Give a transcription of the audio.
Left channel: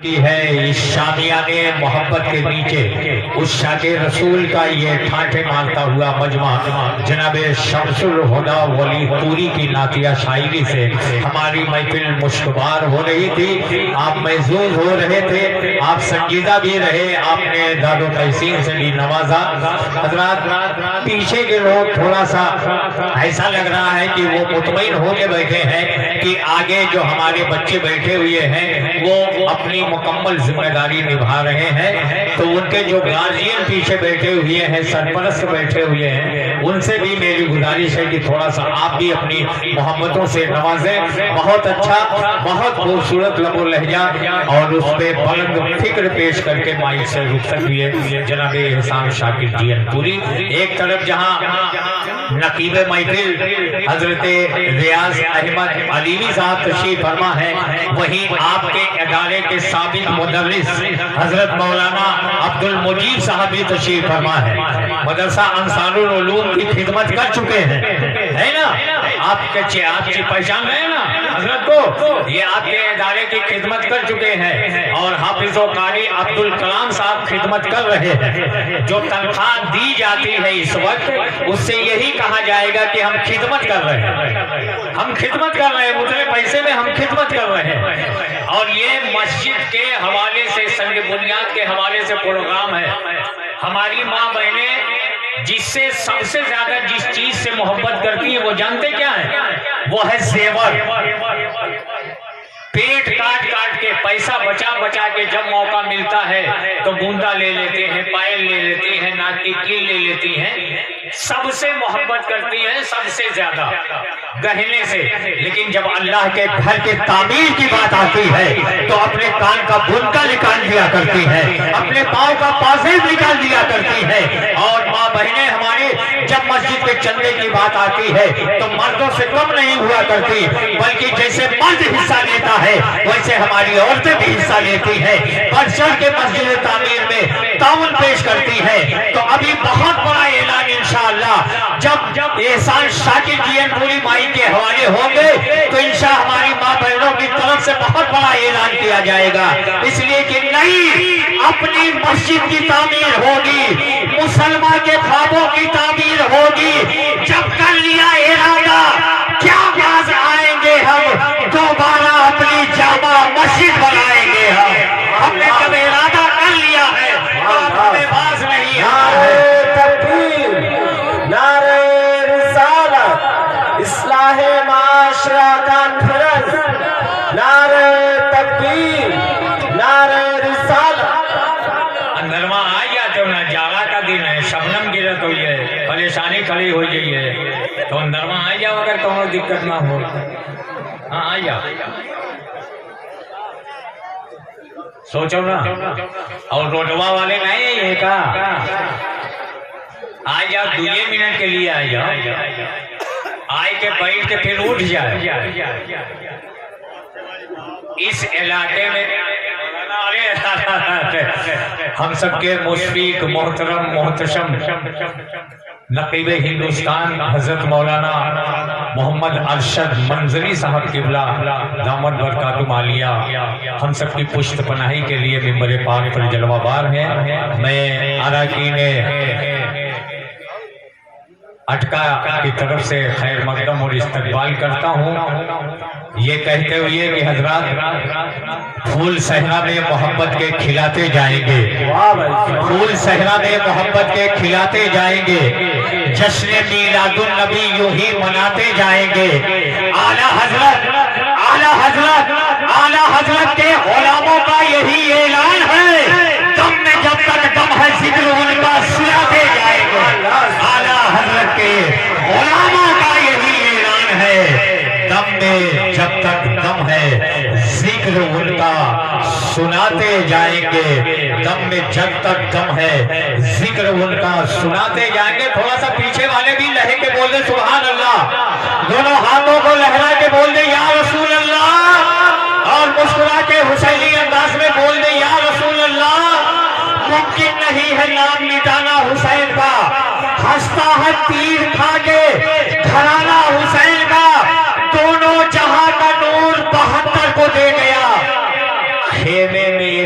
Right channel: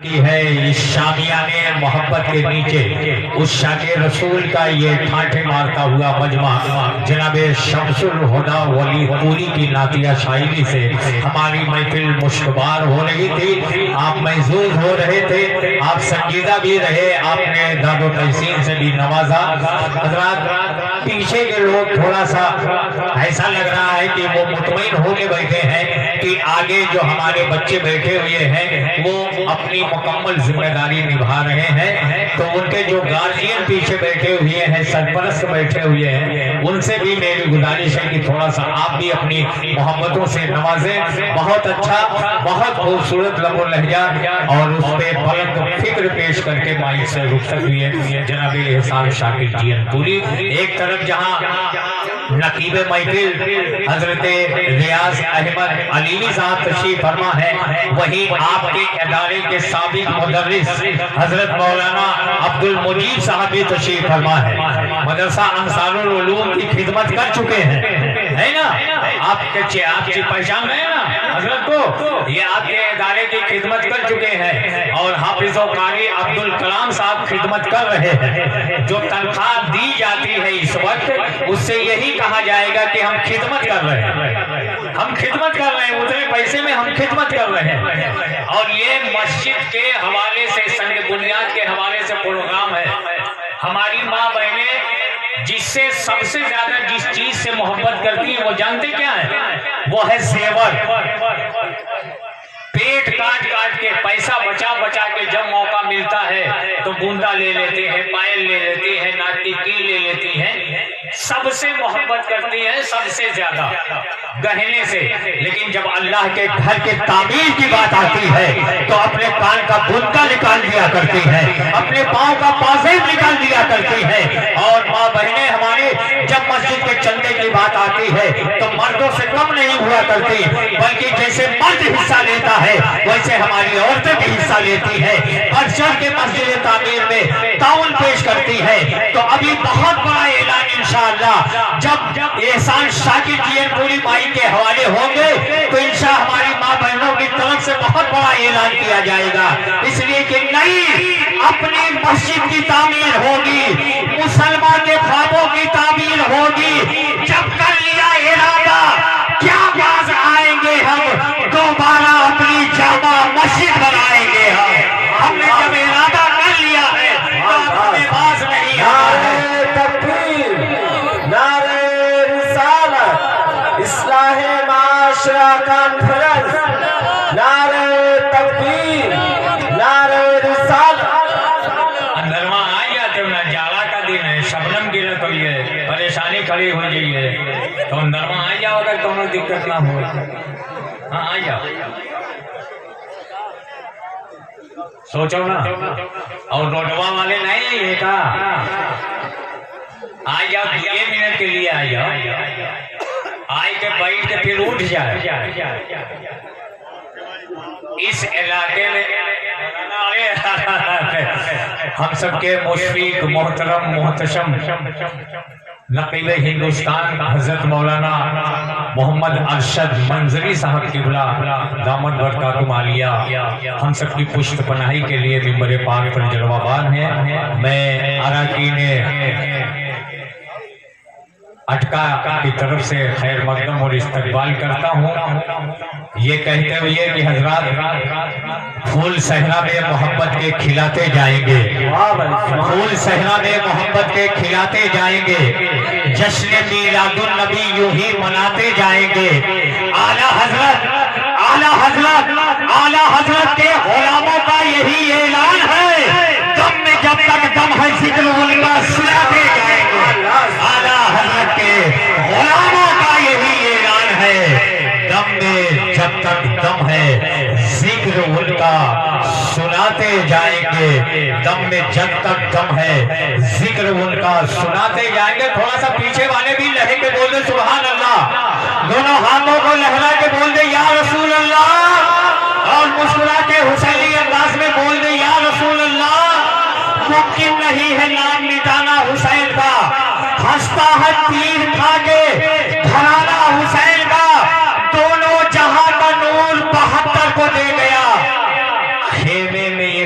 کی ہے اس شامیان محبت کے نیچے اس شاک رسول کا یہ ٹھاٹھے مارتا ہوا مجمع جناب شمس الہدا ولی پوری کی نعتیہ شاعری سے ہماری محفل مشتبار ہو رہی تھی۔ آپ محظوظ ہو رہے تھے، آپ سنجیدہ بھی رہے، آپ نے داد و تحسین سے بھی نوازا۔ حضرات پیچھے کے لوگ تھوڑا سا ایسا لگ رہا ہے کہ وہ مطمئن ہو کے بیٹھے ہیں کہ آگے جو ہمارے بچے بیٹھے ہوئے ہیں وہ اپنی مکمل ذمہ داری نبھا رہے ہیں، تو ان کے جو گارجین پیچھے بیٹھے ہوئے ہیں، سرپرست بیٹھے ہوئے ہیں، ان سے بھی میری گزارش ہے کہ تھوڑا سا آپ بھی اپنی محبتوں سے نوازیں۔ بہت اچھا، بہت خوبصورت لب و لہجہ اور اس پہ بلند فکر پیش کر کے مائک سے رخصت ہوئے جناب احسان شاکر جی پوری۔ ایک طرف جہاں نقیب محفل حضرت ریاض احمد علیوی صاحب تشریف فرما ہے، وہیں آپ کے ادارے کے سابق مدرس حضرت مولانا عبد المجید صاحب بھی تشریف فرما ہے، مدرسہ انصار العلوم کی خدمت کر چکے ہیں، ہے نا؟ آپ کی پہچان ہے نا حضرت کو، یہ آپ کے ادارے کی خدمت کر چکے ہیں، اور حافظ و قاری عبد الکلام صاحب خدمت کر رہے ہیں۔ جو تنخواہ دی جاتی ہے اس وقت، اس سے یہی کہا جائے گا کہ ہم خدمت کر رہے ہیں، ہم خدمت کر رہے ہیں، مطلب پیسے میں ہم خدمت کر رہے ہیں۔ اور یہ مسجد کے حوالے سے، سنگ بنیاد کے حوالے سے پروگرام ہے۔ ہماری ماں بہنیں جس سے سب سے زیادہ جس چیز سے محبت کرتی ہیں وہ جانتے کیا ہے؟ وہ ہے زیور۔ پیٹ کاٹ کاٹ کے، پیسہ بچا بچا کے جب موقع ملتا ہے تو گوندا لے لیتے ہیں، پائل لے لیتی ہیں، ناک کی کیل لے لیتی ہیں۔ سب سے محبت کرتی ہیں، سب سے زیادہ گہنے سے، لیکن جب اللہ کے گھر کے تعمیر کی بات آتی ہے تو اپنے کان کا بنکا نکال دیا کرتی ہے، اپنے پاؤں کا پاسیب نکال دیا کرتی ہے۔ اور ماں بہنیں ہماری جب مسجد کے چندے کی بات آتی ہے تو مردوں سے کم نہیں ہوا کرتی، بلکہ جیسے مرد حصہ لیتا ہے ویسے ہماری عورتیں بھی حصہ لیتی ہے، بڑھ چڑھ کے مسجد تعمیر میں تعاون پیش کرتی ہے۔ تو ابھی بہت بڑا اعلان انشاءاللہ جب احسان شاکر جی پوری مائی کے حوالے ہوں گے تو انشاءاللہ ہماری ماں بہنوں کی طرف سے بہت بڑا اعلان کیا جائے گا، اس لیے کہ نئی اپنی مسجد کی تعمیر ہوگی، مسلمان کے خوابوں کی تعمیر ہوگی۔ جب کر لیا ارادہ کیا باز آئیں گے ہم، دوبارہ اپنی جامع مسجد بنائیں گے ہم نے جب ارادہ کر لیا ہے اب ہمیں باز نہیں آنا ہے۔ اصلاح معاشرہ کا فرض، نعرہ تکبیر، نعرہ رسالت۔ اندرما آیا تو نہ جالا کا دن ہے، شبنم گرت ہوئی ہے، پریشانی کھڑی ہو جائی ہے، تو اندرما آ جاؤ اگر تمہیں دقت نہ ہو۔ ہاں آ جاؤ، سوچو نا، اور روڈوا والے نہیں یہ کا آ جاؤ، 2 منٹ کے لیے آ جاؤ، آئے کے بیٹھ کے پھر اٹھ جائے۔ اس علاقے میں ہم سب کے مشفق محترم محتشم نقیب ہندوستان حضرت مولانا محمد ارشد منظری صاحب قبلہ دامن برکاتہ عالیہ ہم سب کی پشت پناہی کے لیے ممبر پاک پر جلوہ بار ہیں۔ میں اراکین اٹکا کی طرف سے خیر مقدم اور استقبال کرتا ہوں، یہ کہتے ہوئے کہ حضرات پھول صحرا میں محبت کے کھلاتے جائیں گے، پھول صحرا میں محبت کے کھلاتے جائیں گے، جشن میلاد النبی یوں ہی مناتے جائیں گے۔ اعلیٰ حضرت کے غلاموں کا یہی اعلان ہے، دم میں جب تک دم ہے ذکر ان کا سناتے جائیں گے۔ اعلیٰ حضرت کے غلاموں کا یہی اعلان ہے، دم میں جب تک دم ہے ذکر ان کا سناتے جائیں گے، دم میں جب تک دم ہے ذکر ان کا سناتے جائیں گے۔ تھوڑا سا پیچھے والے بھی لہے کے بول دے سبحان اللہ، دونوں ہاتھوں کو لہرا کے بول دے یا رسول اللہ، اور مسکرا کے حسینی انداز میں بول دے یا رسول اللہ۔ ممکن نہیں ہے نام مٹانا حسین کا، ہنستا ہے تیر کھا کے گھرانہ حسین کا، دونوں جہاں کا نور 72 کو دے گیا، خیمے میں